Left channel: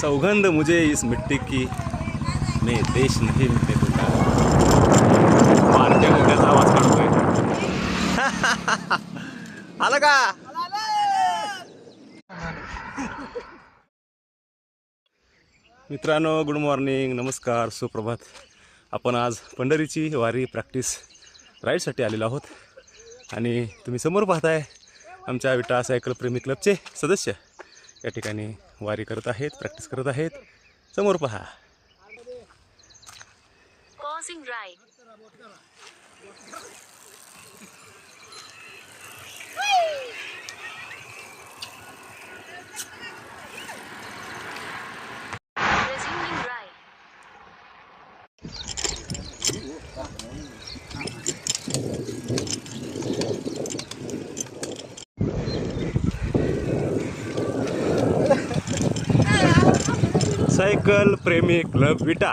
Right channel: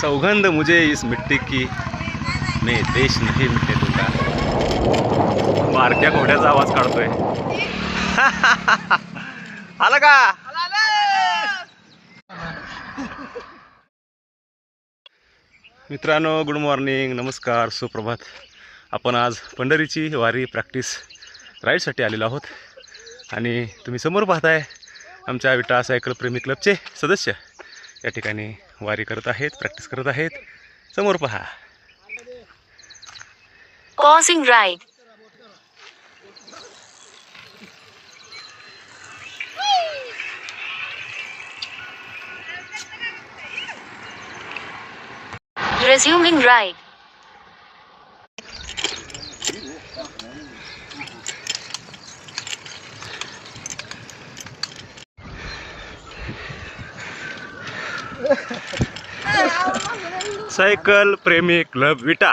सौगंध मुझे इस मिट्टी की मैं देश नहीं मिटने दूंगा। भारतीय घोड्याचा आवाज काढतोय। आलं का? मित्रांनो गुड मॉर्निंग नमस्कार सुप्रभात. आपण आज पंढरीची वारी प्रॅक्टिस राईडसाठी आलेलो आहोत. आणि तुम्ही समोर पाहताय आमच्या विटा सायकल प्रेमी क्लबचे सदस्य. या ठिकाणी वारी करत आहेत प्रॅक्टिस करत आहेत. समोर पहा. Pausing ride Resuming ride. Cycle प्रेमी क्लब विटा.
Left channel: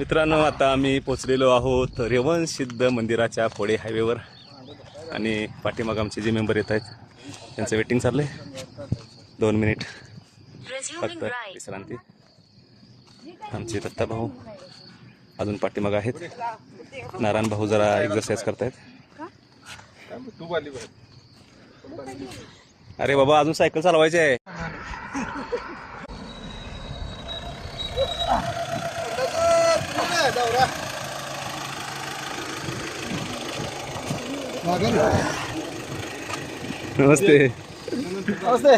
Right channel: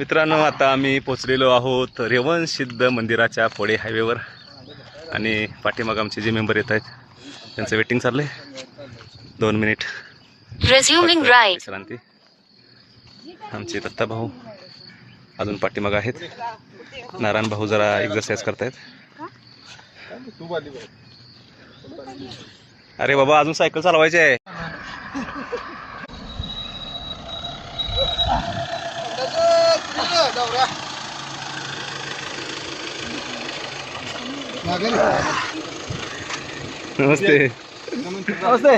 मित्रांनो आता आम्ही पोचलेलो आहोत रेवण सिद्ध मंदिराच्या फोडे हायवेवर. आणि पाठीमाग आमचे जे मेंबर येत आहेत त्यांचं वेटिंग चाललंय. दोन मिनिट. विश्रांती. आमचे दत्ता भाऊ अजून पाठीमाग आहेत. नारायण भाऊ जरा एक्झरसाईज करतायत. अरे बाबा अजून सायकल चालवायची आहे नमस्ते. नमस्ते.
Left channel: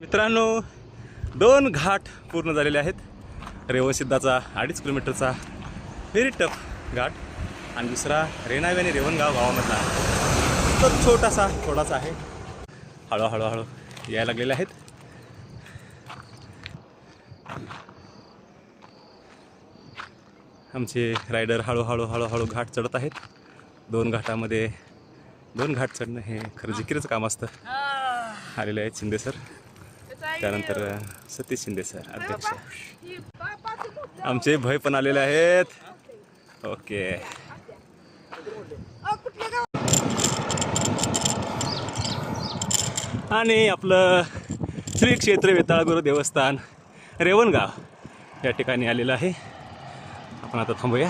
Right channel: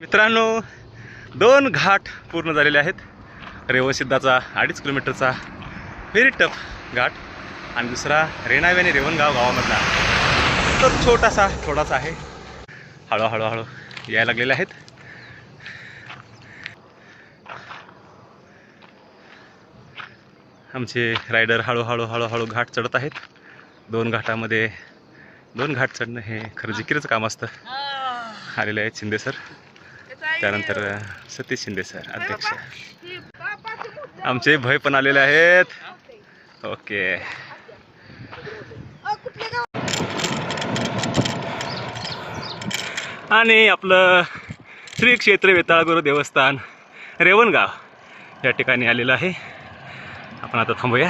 मित्रांनो दोन घाट पूर्ण झालेले आहेत. रेवणसिद्धाचा अडीच किलोमीटरचा व्हेरी टफ घाट. आणि दुसरा रेणावी आणि रेवणगाव गावामधला. तो छोटासा थोडासा आहे. हळूहळू हळू यायला लागलेले आहेत. आमचे रायडर हळूहळू हळूहळू घाट चढत आहेत. दोन घाटामध्ये दोन घाट चढणं हे खरं जिकिरीचं काम असतं. आलेले आहेत शिंदे सर. त्यानंतर सतीश शिंदे सर अध्यक्ष. आमचे भय पण आलेले आहेत. ओके. आणि आपलं श्री क्षेत्र वेताळगुरू देवस्थान रेवणगाव या ठिकाणी आलेलं आहे. आपण आता थांबूया.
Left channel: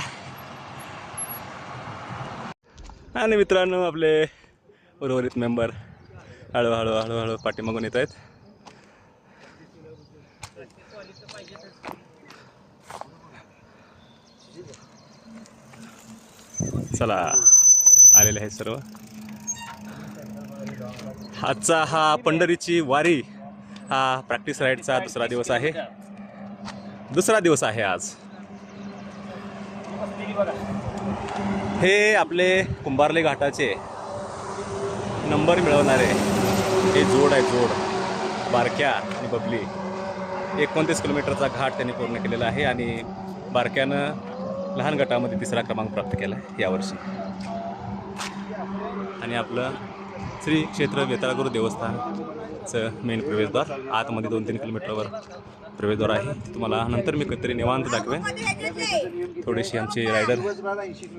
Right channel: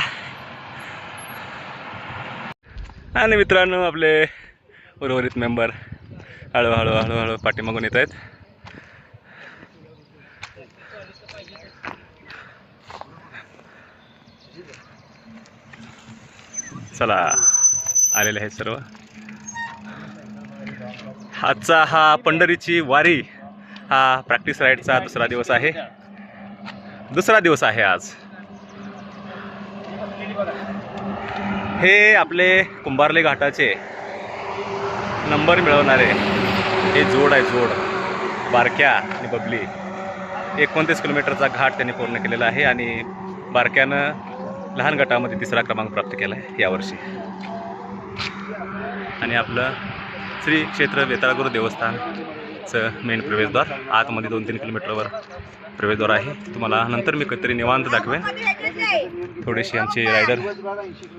आणि मित्रांनो आपले उर्वरित मेंबर हळूहळू हळूहळू पाठीमागून येत आहेत. चला आलेले आहेत सर्व. आजचा हा पंढरीची वारी हा प्रॅक्टिस राईडचा दुसरा दिवस आहे. दुसरा दिवस आहे आज. हे आपले कुंभारले घाटाचे नंबर मिळवणारे हे जोड आहे जोड. बारक्या आणि बबली. एकोणतीस किलोमीटरचा घाट त्यांनी पूर्ण केलेला आहे आणि बारक्यानं लहान गटामध्ये तिसरा क्रमांक प्राप्त केला आहे यावर्षी. आणि आपलं श्री क्षेत्र वेताळगुरू देवस्थानचं मेन प्रवेशद्वार आतमध्ये दोन तीन किलोमीटरवर प्रवेशद्वार आहे. तुम्हाला नंतर मी कधीतरी निवांत दाखवेन. थोडीशी आमचे रायडर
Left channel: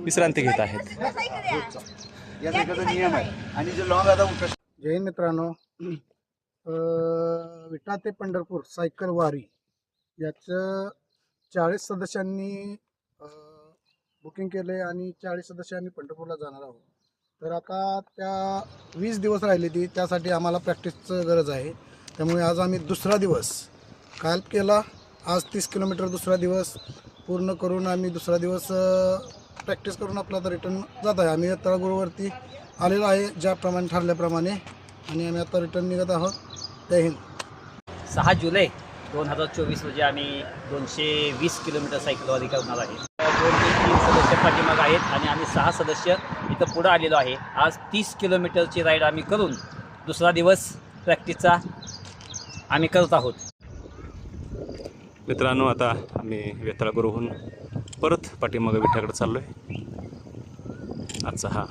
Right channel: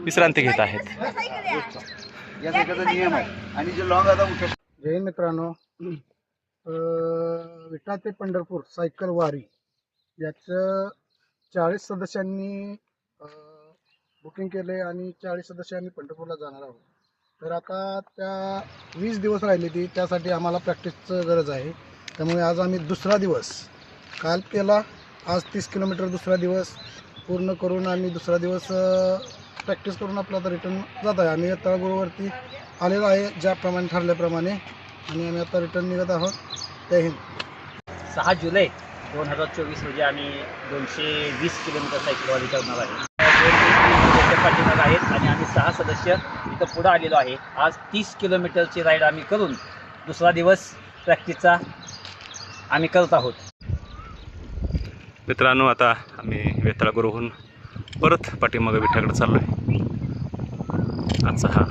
विश्रांती घेत आहेत. नियम आहे. आणि जे लॉंग आता जय हिंद मित्रांनो. विटा ते पंढरपूर सायकल वारी याचं चाळीस सदस्यांनी बुकिंग केले आणि चाळीस सदस्य आम्ही पंढरपूरला जाणार आहोत. तर आता त्या वीस दिवस राहिली ती त्यासाठी आम्हाला प्रॅक्टिसचं गरज आहे. त्यामुळे आज आम्ही दुसरा दिवस काल केला आज तीस किलोमीटर दुसरा दिवस पूर्ण करून आम्ही दुसरा दिवस प्रॅक्टिस करून आपला आता रिटर्न जात आहे. आम्ही तळगुळवरती आलेलो आहे ज्याप्रमाणे ठरल्याप्रमाणे. आणि आम्ही आता रिटर्न निघत आहोत. जय हिंद. सहा जुलै दोन हजार चोवीस रोजी आम्ही दोनशे वीस किलोमीटर सायकलवारी करणार आहे. दोन ते तीन सदस्य पाठीमागं आहेत आणि आम्ही सहा सदस्य इथं पुढं आलेलो आहे. आज तीस किलोमीटरची राईड आम्ही करून दुसरा दिवस प्रॅक्टिसचा आम्ही करत आहोत. मित्रांनो आता आम्ही वेताळगुरूहून परत पाठीमागं विठ्याकडे चाललो आहे आजचा हा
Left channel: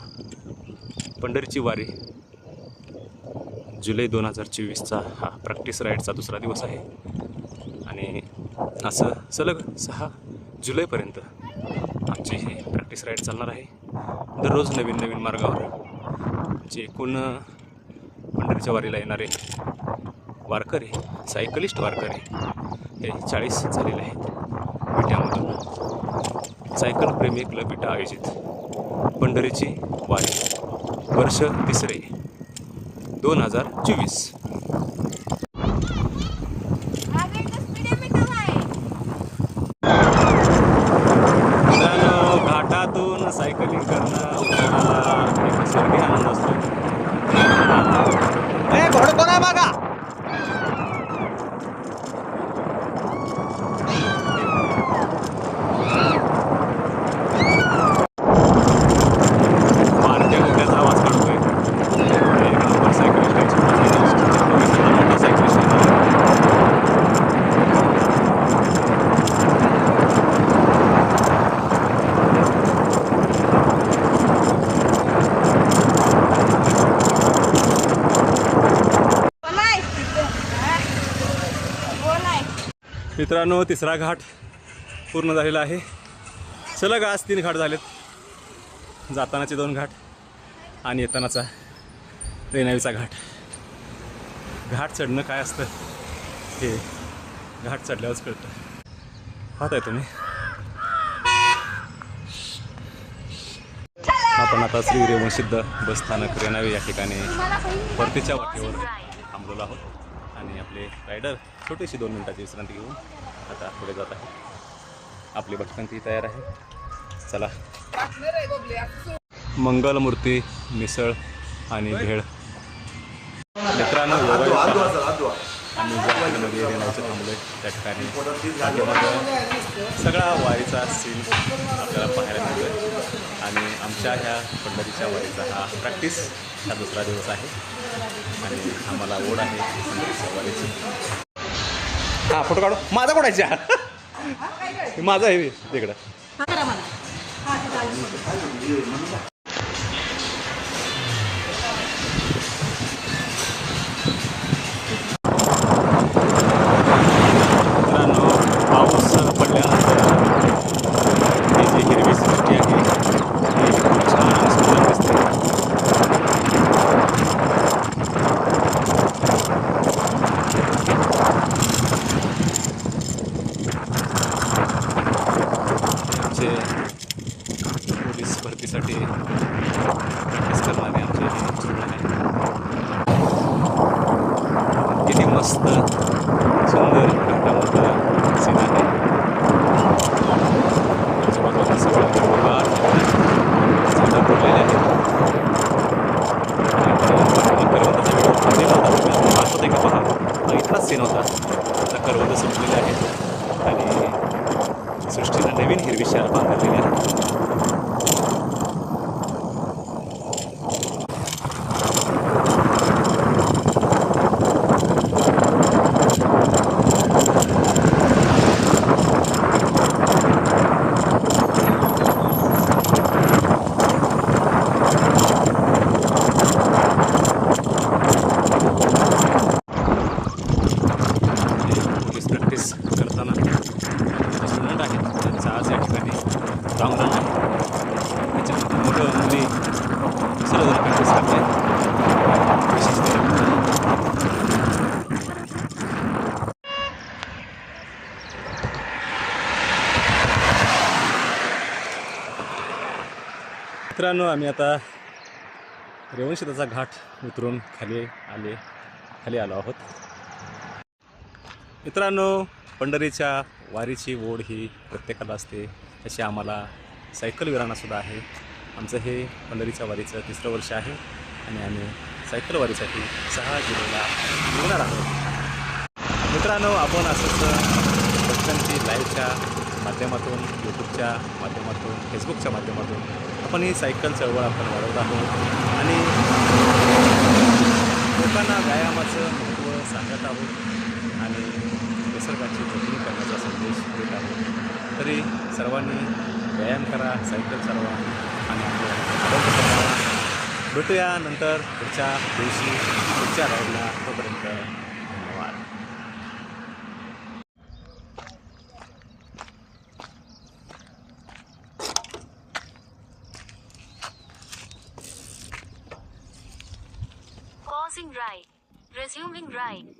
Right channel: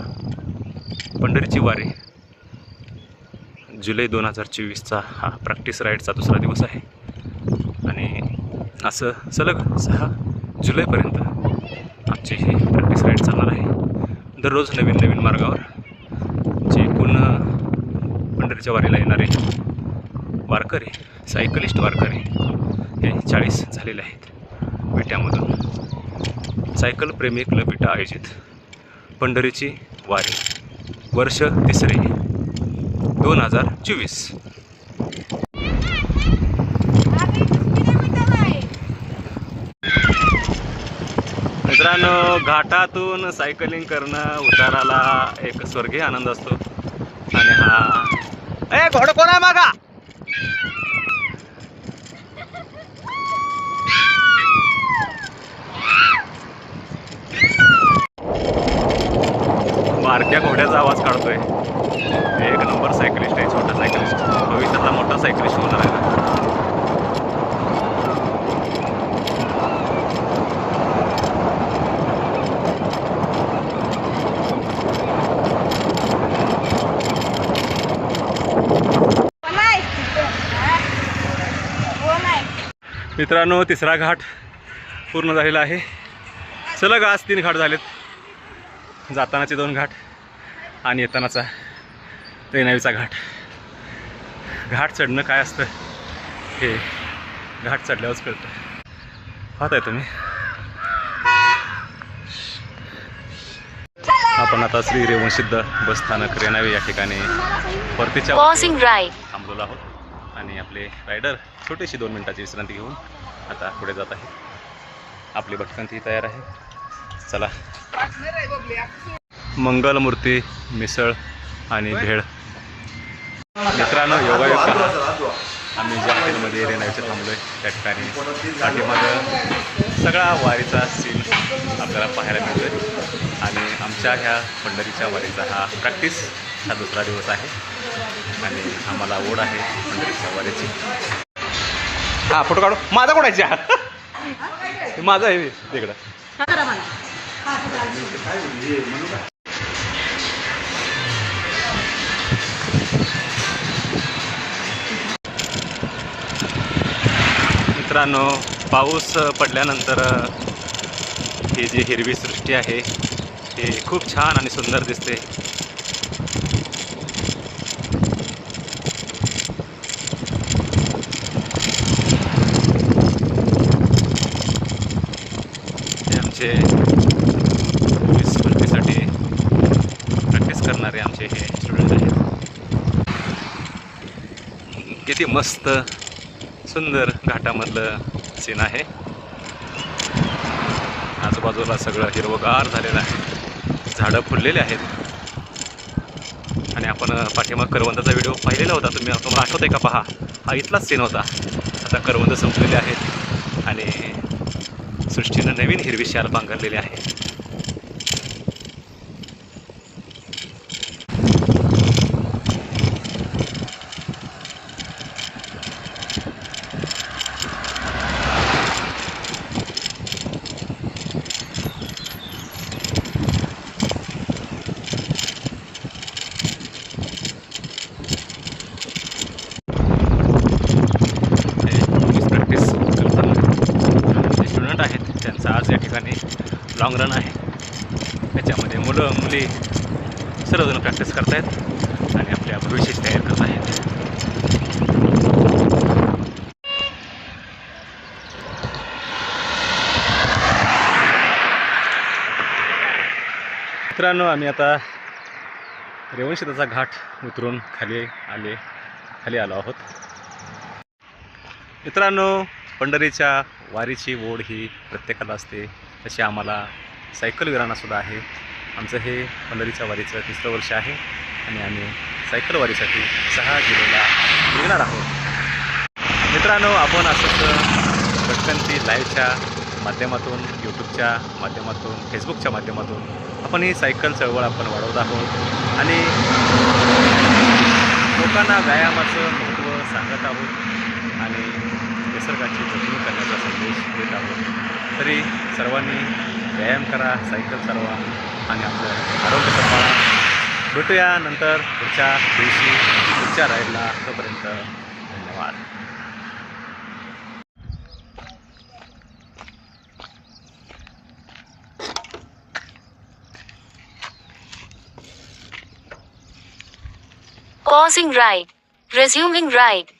पंढरीची वारी जुलै दोन हजार चोवीसचा हा प्रॅक्टिस राईडचा दुसरा दिवस आहे. आणि असं सलग सहा जुलैपर्यंत आमची ही प्रॅक्टिस राईड चालणार आहे. दररोज नवीन नवीन मार्गावर जे पूर्ण पंढरीच्या वारीला येणारे वारकरी सायकलिस्ट वारकरी हे चाळीस झालेले आहेत. विट्यामधून. सायकल प्रेमी क्लब विटा आयोजित. पंढरीची वारी. वर्ष तिसरे. दोन हजार चोवीस मित्रांनो घाटातून सायकलिंग करणं उताराला एक स्वर्गीय आनंद असतो. ए घोड कोण आहे मागा बारक्या घोड्याचा आवाज काढतोय एक नंबर सायकलिस्ट आहे छोटा सायकलिस्ट भविष्यातला मोठा सायकलिस्ट होणार आहे मित्रांनो तिसरा घाट पूर्ण झालेला आहे. सलग आज तीन घाट झालेत. जातानाचे दोन घाट आणि येतानाचा रेणावीचा घाट. घाट चढणं काय असतं हे घाट चढल्यावरच कळतं. पाहताय तुम्ही? आपण आता श्री रेवणसिद्ध बस स्थानक रेणावी या ठिकाणी परतीच्या. थांबलेलो आहोत. आणि आपले रायडर छोटीशी दोन मिनटाची विश्रांती घेऊन आता पुढे जात आहे आपली भटकंती तयार आहे. चला. मंगलमूर्ती मिसळ आणि भेळ. मित्रांनो योगायोग पहा. आम्ही ज्या हॉटेलमध्ये रेणावीचे थांबलो आहे त्या ठिकाणी पाठीमागं सगळा वारीचा सीन आपल्याला पाहायला मिळतोय. आणि आमच्या ह्या पंढरीच्या वारीचा हा प्रॅक्टिस हा दुसरा दिवस आहे. आणि आम्हाला ओढ आहे पंढरीच्या वारीची हा फोटो काढू. माझा कोणाच्या माझा आहे तिकडं मित्रांनो पाऊस पडल्यानंतर ही जी हिरवी सृष्टी आहे ही खूप छान आणि सुंदर दिसते हे आमचे वीस पंचवीसाठी प्रॅक्टिस करणारे आमचे हे स्टुडंट आहेत. किती मस्त सुंदर घाटामधलं सीन आहे. आजूबाजूला सगळं हिरवगार झालेलं आहे. झाडं फुललेली आहेत. आणि आपण पाठीमाग करवंदाचा व्हिडिओ पाहिलेला होता. तुम्ही तुम्हाला आठवत आहे का? पहा. हा इथलाच सीन होता. आता करवंद संपलेले आहेत. आणि सृष्टीनं नवीन हिरवी शाल पांघरलेली आहे हे पोलीस प्रॅक्टिस करताना स्टुडंट आहेत त्यांचा आज या ठिकाणी लॉंग रन आहे. त्याच्यामध्ये मुलं मुली सर्वजण प्रॅक्टिस करत आहेत आणि आपल्या प्रवेशाची तयार करत आहेत. मित्रांनो आम्ही आता रेवणशेताचा घाट उतरून खाली आले खाली आलो आहोत. मित्रांनो पंढरीच्या वारीची ओढ ही प्रत्येकाला असते. तशी आम्हाला सायकल विराणासुद्धा आहे. आमचं हे पंढरीच्या वारीचं तिसरं वर्ष आहे आणि आम्ही सायकल वारीसाठी सहा जुलैला निघणार आहोत. मित्रांनो आपण असंच भटकंती लाईव्हच्या माध्यमातून यूट्यूबच्या माध्यमातून फेसबुकच्या माध्यमातून आपण ही सायकल चळवळ आपण वाढवत आहोत. आणि लोकांना व्यायामाचं महत्त्व सांगत आहोत आणि निसर्गाची जपणूक करण्याचा आहोत तरी सर्वांनी व्यायाम करा सायकल चालवा आणि आपलं आरोग्य सांभाळा भेटूया नंतर पुढच्या दिवशी पुढच्या राईडला तोपर्यंत धन्यवाद Pausing ride. Resuming ride.